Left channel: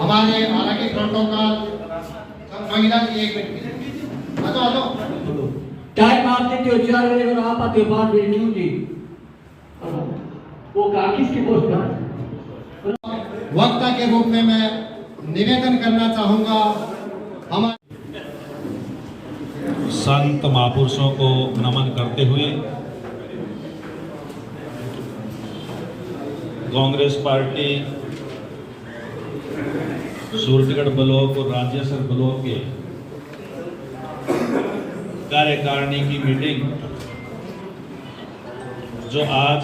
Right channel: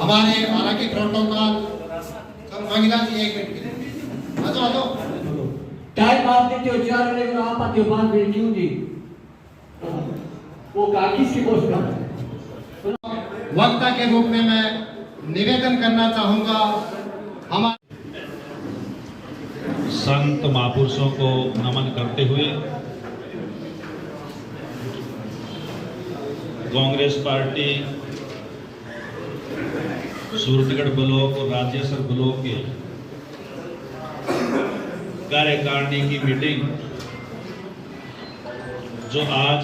हमारे हालांकि प्रोटोकॉल महिला एक मिनट आ जाओ टाइम आप देते हो 4 बजे को आप आते हो 5 बजे क्यों जी वो कागज के पोस्ट पर वक्ता के रूप में मैं निवेदन करना चाहूंगा। हमारे संत महापुरुषों को नमन करते हुए कांग्रेस पार्टी सूरतगढ़ ब्लॉक और राजेश्वर ब्लॉक के कार्यकारिणी की मीटिंग जो आज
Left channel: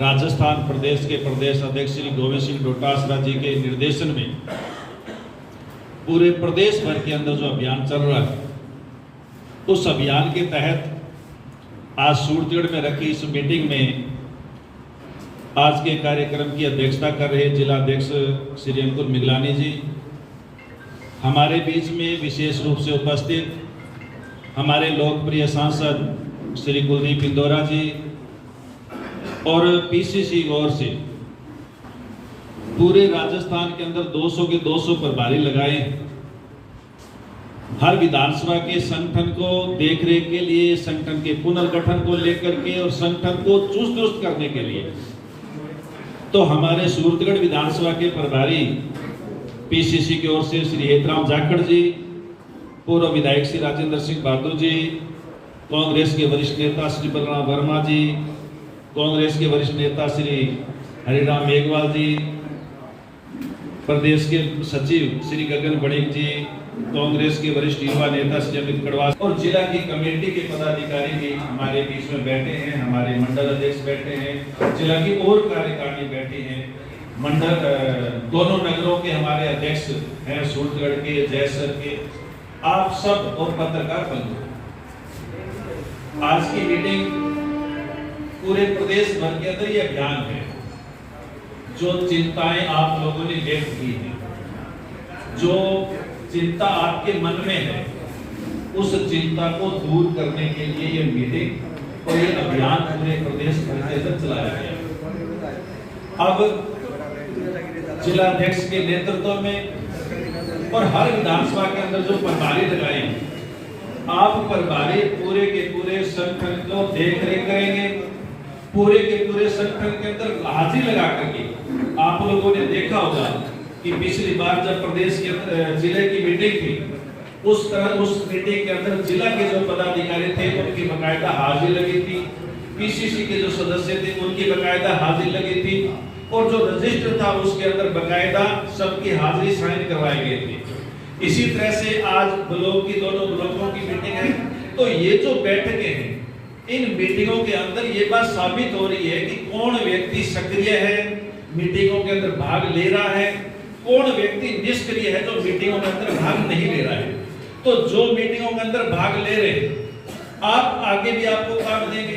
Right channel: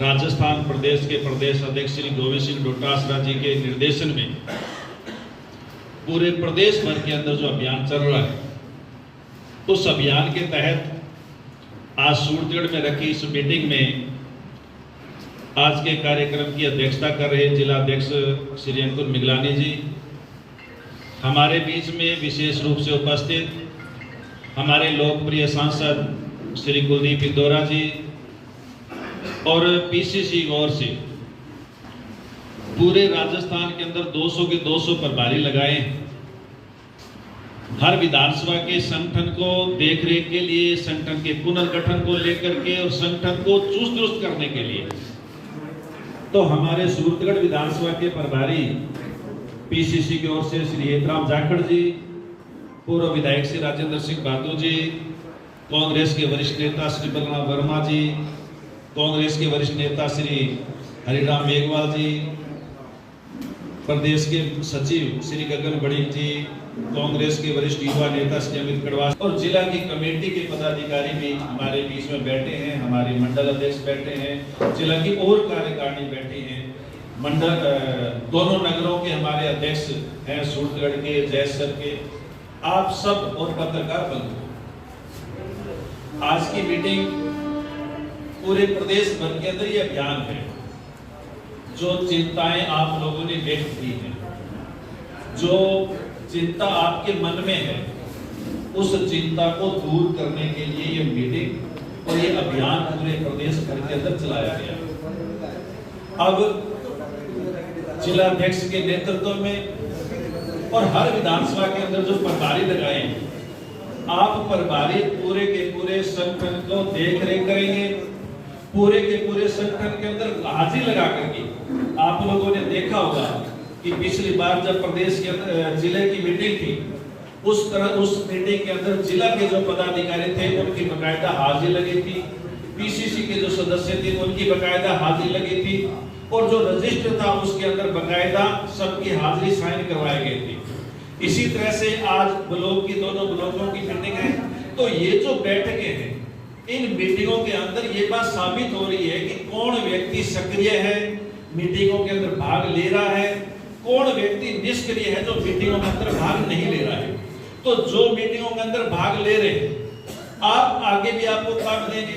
राजस्थान प्रदेश के प्रदेश अध्यक्ष श्री गोविंद सिंह डोटासरा जी के निर्देशन में पूरे प्रदेश भर के अंदर जो अभियान चल रहा है, उस अभियान के तहत आज सूरतगढ़ में रखी इस मीटिंग में आज के कार्यक्रम की अध्यक्षता कर रहे जिला अध्यक्ष श्री अंकुर मिगलानी जी, हमारे बीच में विशेष रूप से उपस्थित हमारे लोकप्रिय सांसद श्री कुलदीप इंदौरा जी और पीसीसी ओर से पूरे राजस्थान के अंदर 200 के 200 प्रभारी लगाए हर विधानसभा के संगठन को देखरेख के लिए, संगठन के पुनर्गठन को लेकर के और संगठन को चुस्त दुरुस्त करने के लिए। तो हमारे सूरतगढ़ विधानसभा के प्रभारी पीसीसी की ओर से श्री हेतराम जाखड़ जी, पूर्व विधायक श्री राजेंद्र सिंह बहादुर जी, कांग्रेस के वरिष्ठ नेता श्री बलराम वर्मा जी, कांग्रेस के वरिष्ठ नेता श्री हरिराम मेघवाल जी, प्रदेश के सचिव श्री गगन बड़िक जी, कांग्रेस के वरिष्ठ युवा नेता श्री अमित कड़वास और जिला की कमेटी के पदाधिकारी भी हमारे बीच में बैठे हैं, हमारे मंडल अध्यक्ष बैठे हैं, जिला की और कार्यकारिणी बैठी हैं, मंडल दोनों नगरों के हमारे अध्यक्ष हैं, सूरतगढ़ के, जयसर के, आप सब और पत्रकार बंधु। आज की मीटिंग पूरे प्रदेश भर के अंदर ये अभियान है, जो चिंताएं आप लोगों ने व्यक्त की हैं, जो चिंता आपके मन में है, उस चिंता को दूर करने के लिए ये मीटिंग और ये अभियान पूरे प्रदेश भर के अंदर चलाया गया। अब जिला अध्यक्ष के नेतृत्व में और हर विधानसभा के अंदर जो प्रभारी लगाए हैं, आप प्रभारी पूरे के पूरे संगठन को देख रेख करेंगे, पूरे के पूरे संगठन के अंदर हाजिरी लगा करके। आप लोगों ने देखा होगा कि पिछली बार जब प्रदेश के जिले की मीटिंग थी, उस मीटिंग के अंदर जिला के जो पदाधिकारी थे उनकी बकायदा हाजिरी लगी थी, पीसीसी के जो सदस्य थे उनकी बकायदा हाजिरी लगी थी और जो रजिस्टर था उसके अंदर बकायदा सबकी हाजिरी साइन करवाई गई थी। इसी तरह से आज ब्लॉक की दोनों ब्लॉकों की मीटिंग है, तो ये जो बैठकें हैं, इन मीटिंगों के अंदर ये बात साबित हो रही है कि कौन व्यक्ति सक्रिय है, मीटिंगों के अंदर भाग ले रहा है, कौन व्यक्ति निष्क्रिय है जो मीटिंगों के अंदर भाग नहीं ले रहा है। तो जो मीटिंगों के अंदर भाग ले रहे आप आगे भी आपको काम देंगे।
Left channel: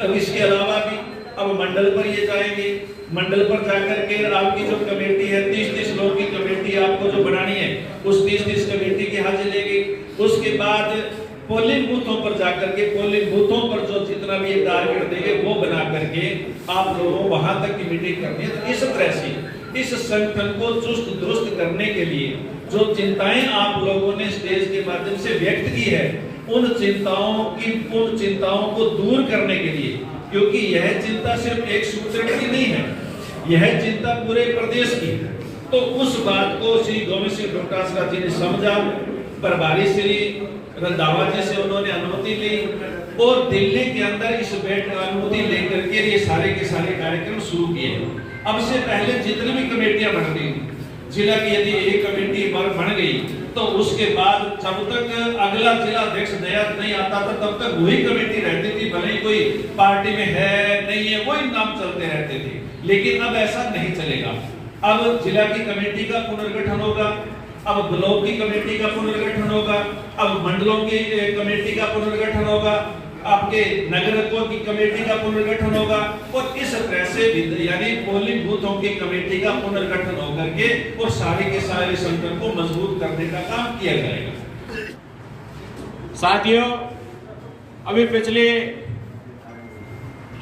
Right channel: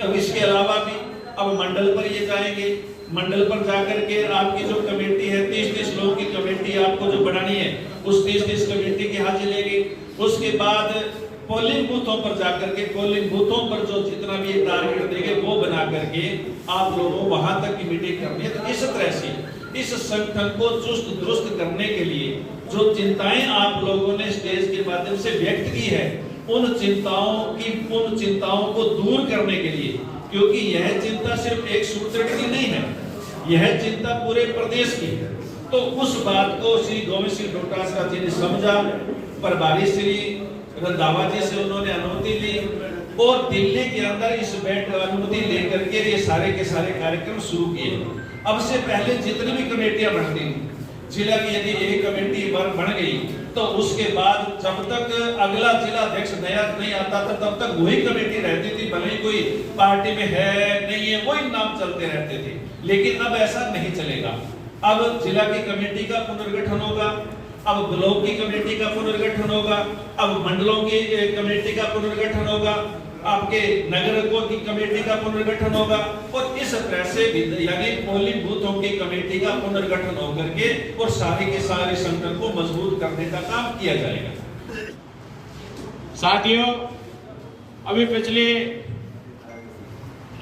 अब इसके अलावा भी अब मंडल पर ये जाएंगे, मंडल पर जाकर के आपकी जो कमेटी है 30-30 लोगों की कमेटी आपको जो बनानी है, उस 30-30 कमेटी की हाजिरी लेगी। उसके बाद पोलिंग बूथों पर जाकर के पोलिंग बूथों पर जो जितना भी ये टारगेट देंगे वो बना करके आप लोगों वहां तक की मीटिंग करनी है। तो इस तरह से इस संगठन को चुस्त दुरुस्त करने के लिए जो चिंताएं आप लोगों ने स्टेज के माध्यम से व्यक्त की है, उन चिंताओं को दूर करने के लिए, क्योंकि यह चिंता सिर्फ एक सूरतगढ़ की नहीं है, यह चिंता पूरे प्रदेश की है। तो उस बात को श्री गोविंद सिंह डोटासरा जी ने समझा, प्रभारी श्री रंधावा जी से उन्होंने अनुमति ली और दिल्ली के अंदर इस बैठक अनुमति लेकर के ये सारे के सारे कार्यक्रम शुरू किए। अब से पहले जितनी भी कमेटियां बनती थी, जिला की यदि एक कमेटी बन गई तो उसके बाद जब तक अगला जिला अध्यक्ष नया नहीं आता था तब तक वही कमेटी रहती थी, भले ही कोई पार्टी में है नहीं है वही नाम चलते रहते थे। लेकिन अब ऐसा नहीं चलेगा। अब जिला की कमेटी का पुनर्गठन होगा, अब ब्लॉक की कमेटी का पुनर्गठन होगा, अब मंडलों की कमेटी का पुनर्गठन होगा, आपके नगरों की कमेटी का पुनर्गठन होगा और इस तरह से यानी पोलिंग बूथों की कमेटी का पुनर्गठन होकर के और सारे के सारे संगठन को मजबूत करने का काम किया जाएगा। साथियों, अभी पिछले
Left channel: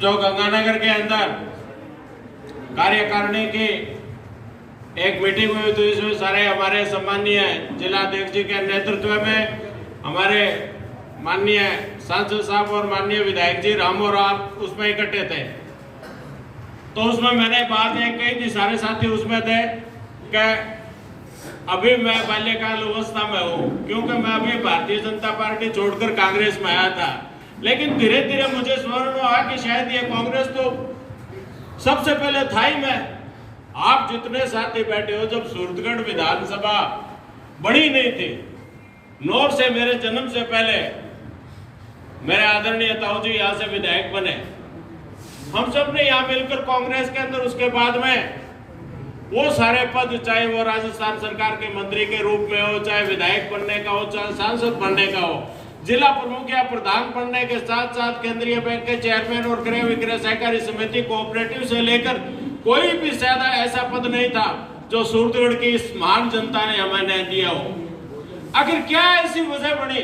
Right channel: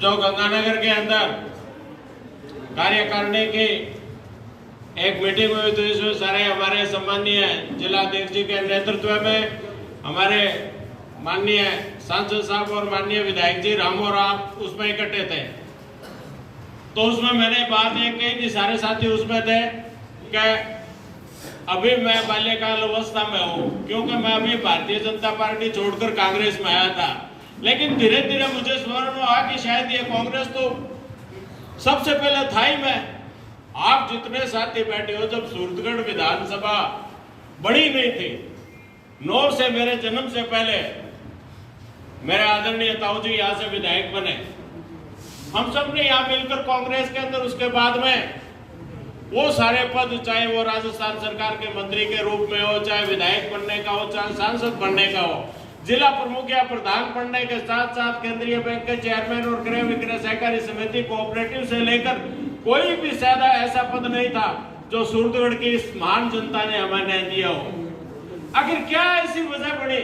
जो गंगानगर के अंदर कार्यकारिणी के एक मीटिंग हुई तो इसमें सारे हमारे सम्मानीय जिलाध्यक्ष जी के नेतृत्व में हमारे माननीय सांसद साहब और माननीय विधायक जी राम और आप उसमें इकट्ठे थे। तो उसमें मैंने बात एक कही थी, सारे साथी उसमें थे कि अभी मैं बाल्यकाल अवस्था में हूँ, क्योंकि मैं अभी भारतीय जनता पार्टी छोड़कर कांग्रेस में आया था। लेकिन धीरे धीरे मुझे स्मरण हुआ कि शायद ये कांग्रेस तो सबसे पहले था ही मैं। आप जितने साथी बैठे हो, जब सूरतगढ़ विधानसभा बड़ी नहीं थी, नौर से मेरे जन्म से पहले मेरे आदरणीय ताऊ जी यहाँ से विधायक बने, हम सब ने यहाँ मिलकर कांग्रेस के अंदर, उसके बाद में वो सारे पद, चाहे वो राजस्थान सरकार के मंत्री के रूप में हो, चाहे विधायक बनने का हो, चाहे सांसद बनने का हो, जिला प्रमुख या प्रधान बनने के साथ साथ केंद्रीय बैंक के चेयरमैन और क्रय विक्रय सहकारी समिति कोऑपरेटिव से लेकर कोई भी ज्यादा ऐसा पद नहीं था जो सूरतगढ़ की इस महान जनता ने हमें नहीं दिया हो। आखिर क्या ऐसी वजह बनी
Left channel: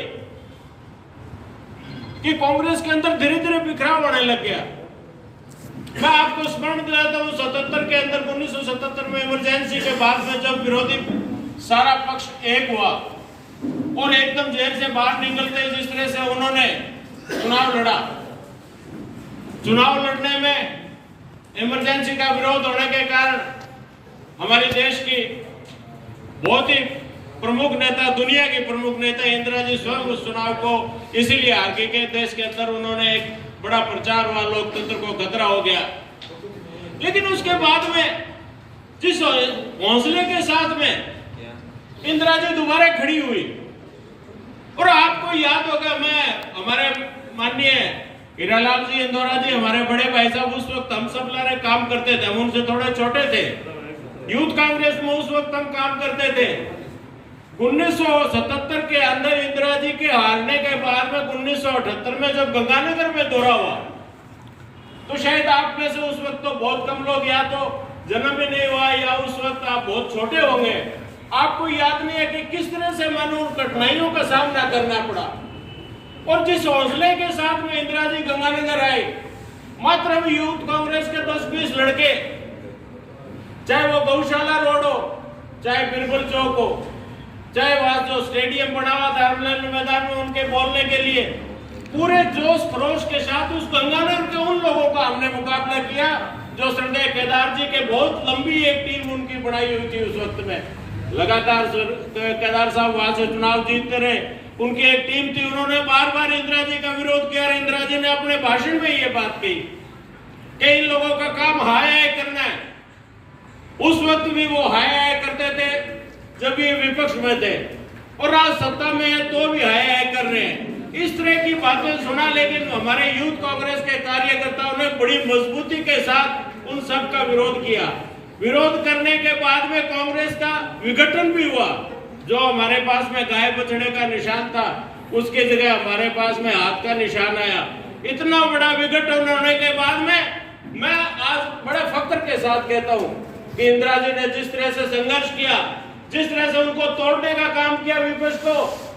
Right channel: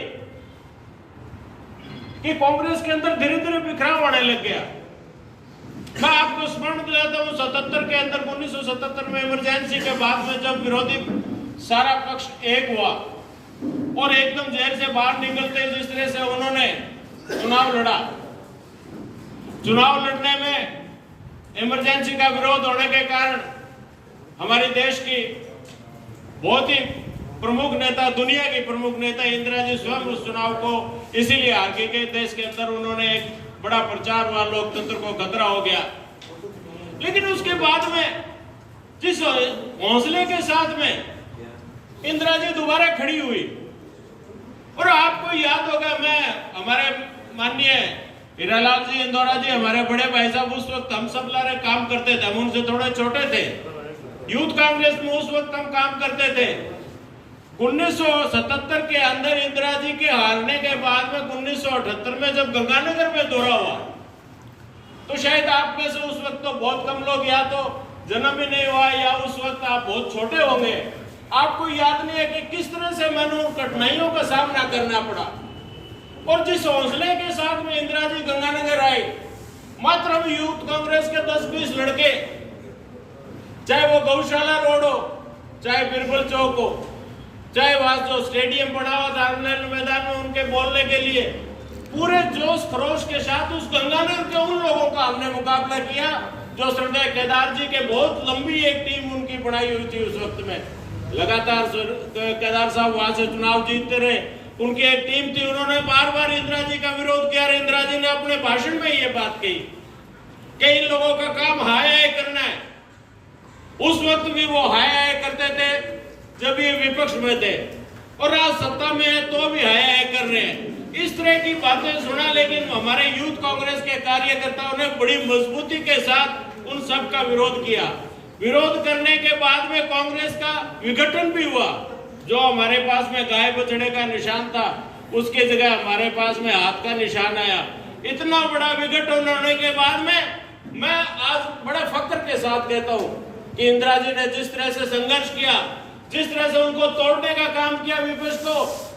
कि कांग्रेस के अंदर धीरे धीरे बिखराव आने लग गया? मैं आपको स्मरण दिलाता हूं, 77 के अंदर 1977 में इमरजेंसी के बाद में जब विरोधी सारा पक्ष एक हुआ और एकदम जेल से बाहर निकलते जिस तरह से उन्होंने चुनाव लड़ा, चुनाव लड़ने में इमरजेंसी का विरोध होने के कारण हमारे देश की बहुत ही प्रमुख नेता, दुनिया की प्रमुख नेता इंदिरा जी स्वयं उस चुनाव को इसीलिए हार गई कि देश के अंदर उन्होंने एक बड़ा प्रचार हुआ, लोकतंत्र को खतरा हो गया। लेकिन उसके बाद में जिस हौसले के साथ में इंदिरा जी दोबारा खड़ी हुई, और आपको याद होगा, मैं हमारे माननीय हीरालाल जी इंदौरा जी हमारे बड़े भाई साहब, उस वक्त हम सब लारे काम करते थे, हम उनसे थोड़े छोटे थे, यूथ कांग्रेस में उस वक्त हम काम करते थे। 1977 के अंदर इंदिरा जी के हारने के बाद में 1978 में जब गंगानगर में दौरा हुआ, तो शायद आप में से उस वक्त तो बहुत कम लोग या तो जन्म ही नहीं हुआ या उस वक्त आप बहुत छोटे होंगे, आपको याद नहीं है कि किस तरह से मैंने उन कठिनाइयों का सामना करना पड़ा। और जिस हौसले के साथ में इंदिरा जी गंगानगर आई, मात्र हम यूथ कांग्रेस के 10-20 लड़के, चाहे वो गौशाला रोड हो, चाहे बिरबल चौक हो, चाहे वहां जो स्टेडियम बना हुआ था मैदान में उनके बोलने के लिए, पूरे जोश खरोश के साथ उस गंगानगर के उन लोगों का हमने मुकाबला किया जो श्रद्धेय केदार जी के बहुत लंबी एक टीम उनकी बनाई हुई थी उस वक्त में। लगातार केदार साहब वहां से चुनाव जीतते रहे, उनकी एक टीम थी, उन्होंने बार बार इंदिरा जी का विरोध किया। इंदिरा जी ने अपने भाषण में ये बात कही कि इन लोगों का काम हाय हाय करना है। उस वक्त भी वो हाय हाय करते थे जब ये विपक्ष में थे, और आज सत्ता में है तो भी हाय हाय कर रहे हैं। इस तरह की बातें सुना, लेकिन हमारे यूथ कांग्रेस के कार्यकर्ताओं ने बड़ी मजबूती के साथ उन सब का विरोध किया। विरोध करने के बाद में कांग्रेस का विघटन भी हुआ। जो हमारे पास में गाय बछड़े का निशान था, उसकी जगह हमारे पास में हाथ का निशान आया। इतना बड़ा विघटन होने के बाद में मैं आज बड़े फख्र के साथ कहता हूं कि इंदिरा जी ने जिस तरह से संघर्ष किया, जिस तरह से उनको तोड़ने का काम किया विपक्ष को,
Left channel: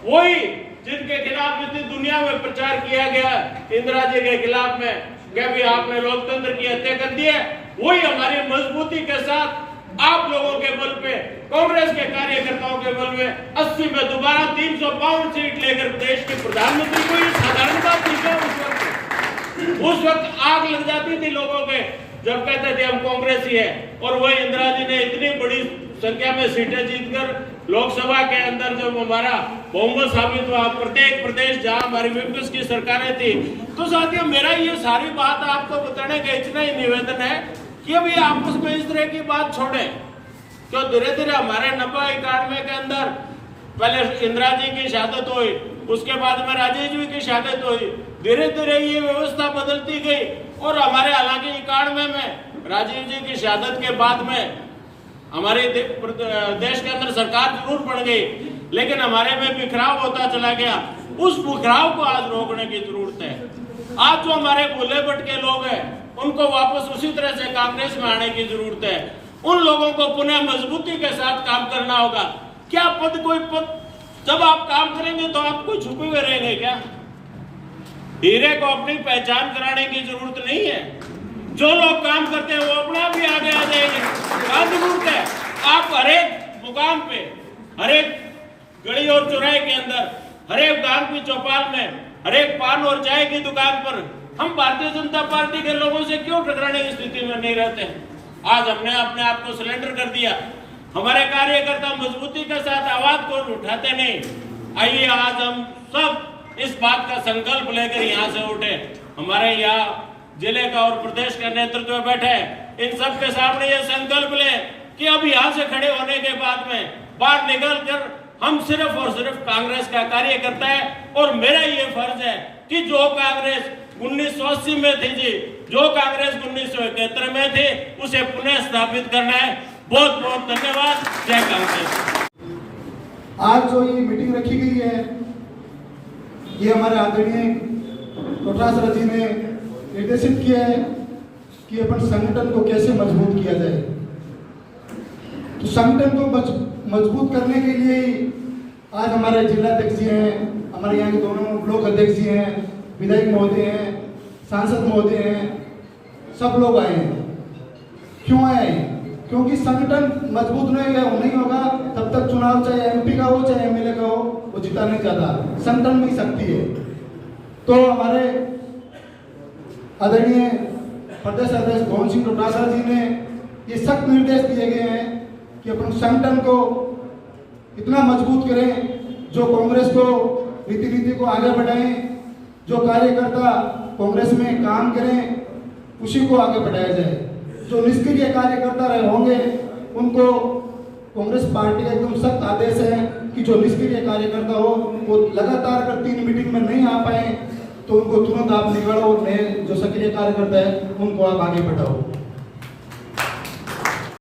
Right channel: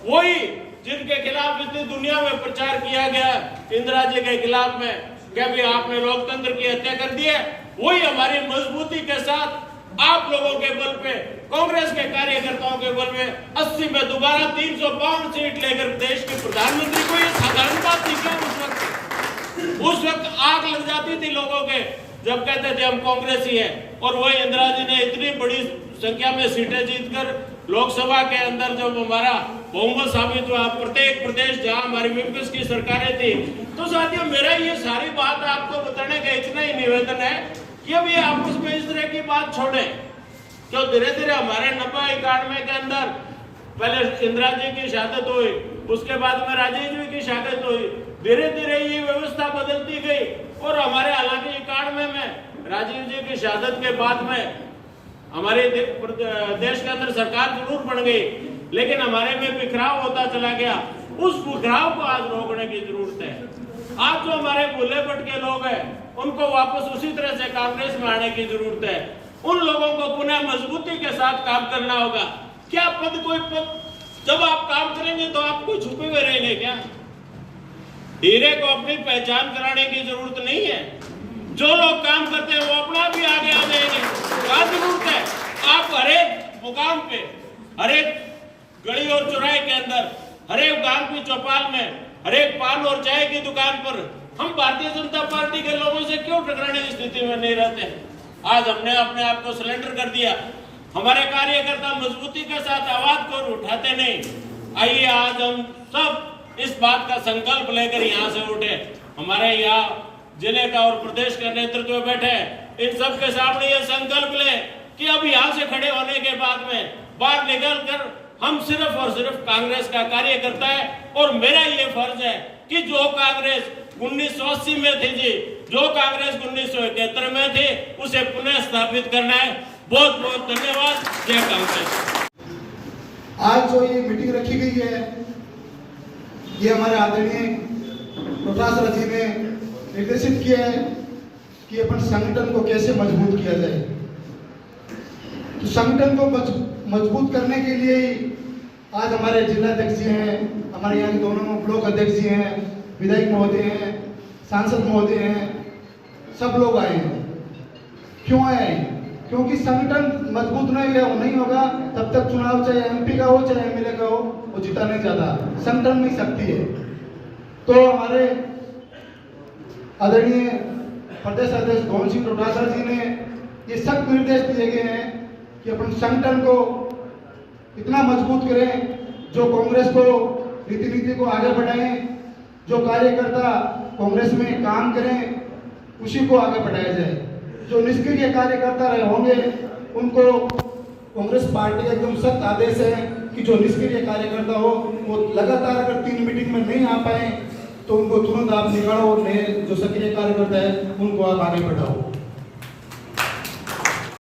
वही जिनके खिलाफ इतनी दुनिया में प्रचार किया गया इंदिरा जी के खिलाफ में, क्या भी आपने लोकतंत्र की हत्या कर दी है, वही हमारी मजबूती के साथ आप लोगों के बल पे, कांग्रेस के कार्यकर्ताओं के बल में 80 में दोबारा 352 सीट लेकर देश के प्रधानमंत्री को, ये साधारण बात नहीं है। उस वक्त आग लग जाती थी लोगों के जब कहते थे हम कांग्रेसी है, और वह इंदिरा जी ने इतनी बड़ी संख्या में सीटें जीतकर लोकसभा के अंदर जब हमारा बहुमत साबित हुआ, प्रत्येक प्रदेश जहां हमारी विपक्ष की सरकारें थी। तो साथियों, मेरा ये सारी बात आपको बताने का इतना ही निवेदन है कि अभी आपस में इस तरह की बात छोड़े, क्यों धीरे धीरे हमारे 90-91 के अंदर पहले इंदिरा जी की शहादत हुई, उसके बाद में राजीव जी की शहादत हुई, धीरे धीरे ये व्यवस्था बदलती गई, और हमारे हालांकि 91 में राजीव जी की शहादत के बाद में हमारे देश के अंदर सरकार जरूर बन गई, लेकिन हमारे में बिखराव होता चला गया। उस बिखराव को आज रोकने की जरूरत है। आज जो हमारे भूले भटके लोग हैं, उनको वापस उसी तरह से कांग्रेस में आने की जरूरत है। उन लोगों को पुनः मजबूती के साथ काम करना होगा। क्या पद, कोई पद, जब आप काम करेंगे तो आप कोई छुपे हुए रहेंगे क्या? हीरे को अपनी पहचान कराने की जरूरत नहीं है। जो लोग काम करते हैं वो अपना भी आगे आ जाएंगे। क्या जरूरत है? आप मुकाम पे, हर एक गली और चौराहे के अंदर, हर एक गांव की चौपाल में, हर एक पान और चाय की दुकान पर हम भारतीय जनता पार्टी के लोगों से क्यों टकराने की स्थिति में नहीं रहते? आज हमने अपने आप को सरेंडर कर दिया। हमारे कार्यकर्ता मजबूती के साथ आवाज को उठाते नहीं। आइए आज हम सब इस बात का संकल्प लेकर यहाँ से उठे। हमारे यहाँ जिले का और प्रदेश का नेतृत्व में बैठे, इन सब के सामने ये संकल्प ले कि अब यहाँ से खड़े होने के बाद में बाहर निकल कर हम सिर्फ और सिर्फ कांग्रेस का कार्यकर्ता है, और मेरा ये फर्ज है कि जो कांग्रेस 1980 में थी जी, जो कांग्रेस 1971 में थी, उसे पुनः स्थापित करना है। बहुत बहुत धन्यवाद। जय कांग्रेस। आज जो ये मीटिंग रखी गई है, ये हमारे आदरणीय प्रोफेसर जी ने निर्देशित किया है कि अपन संगठन को कैसे मजबूत किया जाए। तो संगठन को मजबूत करने के लिए आज हमारे जिला अध्यक्ष जी हैं, हमारे यहाँ के दोनों ब्लॉक अध्यक्ष जी हैं, विधायक महोदय हैं, सांसद महोदय हैं, सब लोग आए हैं। क्यों आए हैं? क्योंकि संगठन मजबूत नहीं होगा तब तक चुनाव चाहे एमपी का हो चाहे एमएलए का हो, वो जीता नहीं चाहता। संगठन नहीं सकती है। तो हमारे आदरणीय प्रदेश अध्यक्ष गोविंद सिंह डोटासरा जी ने ये सख्त निर्देश दिए गए हैं कि अपन संगठन को इतना मजबूत करें, जो कांग्रेस को रीति को आगे बढ़ाएं, जो कार्यकर्ता कांग्रेस में काम करें उसी को आगे बढ़ाया जाए। जो निष्क्रिय कार्यकर्ता रहे होंगे उनको कांग्रेस पार्टी का एकदम सख्त आदेश है कि जो निष्क्रिय कार्यकर्ता हो वो लगातार अगर 3 मीटिंग में नहीं आ पाए तो उनको तुरंत आप निकालो, नए जो सक्रिय कार्यकर्ता है उनको आप आगे बढ़ाओ।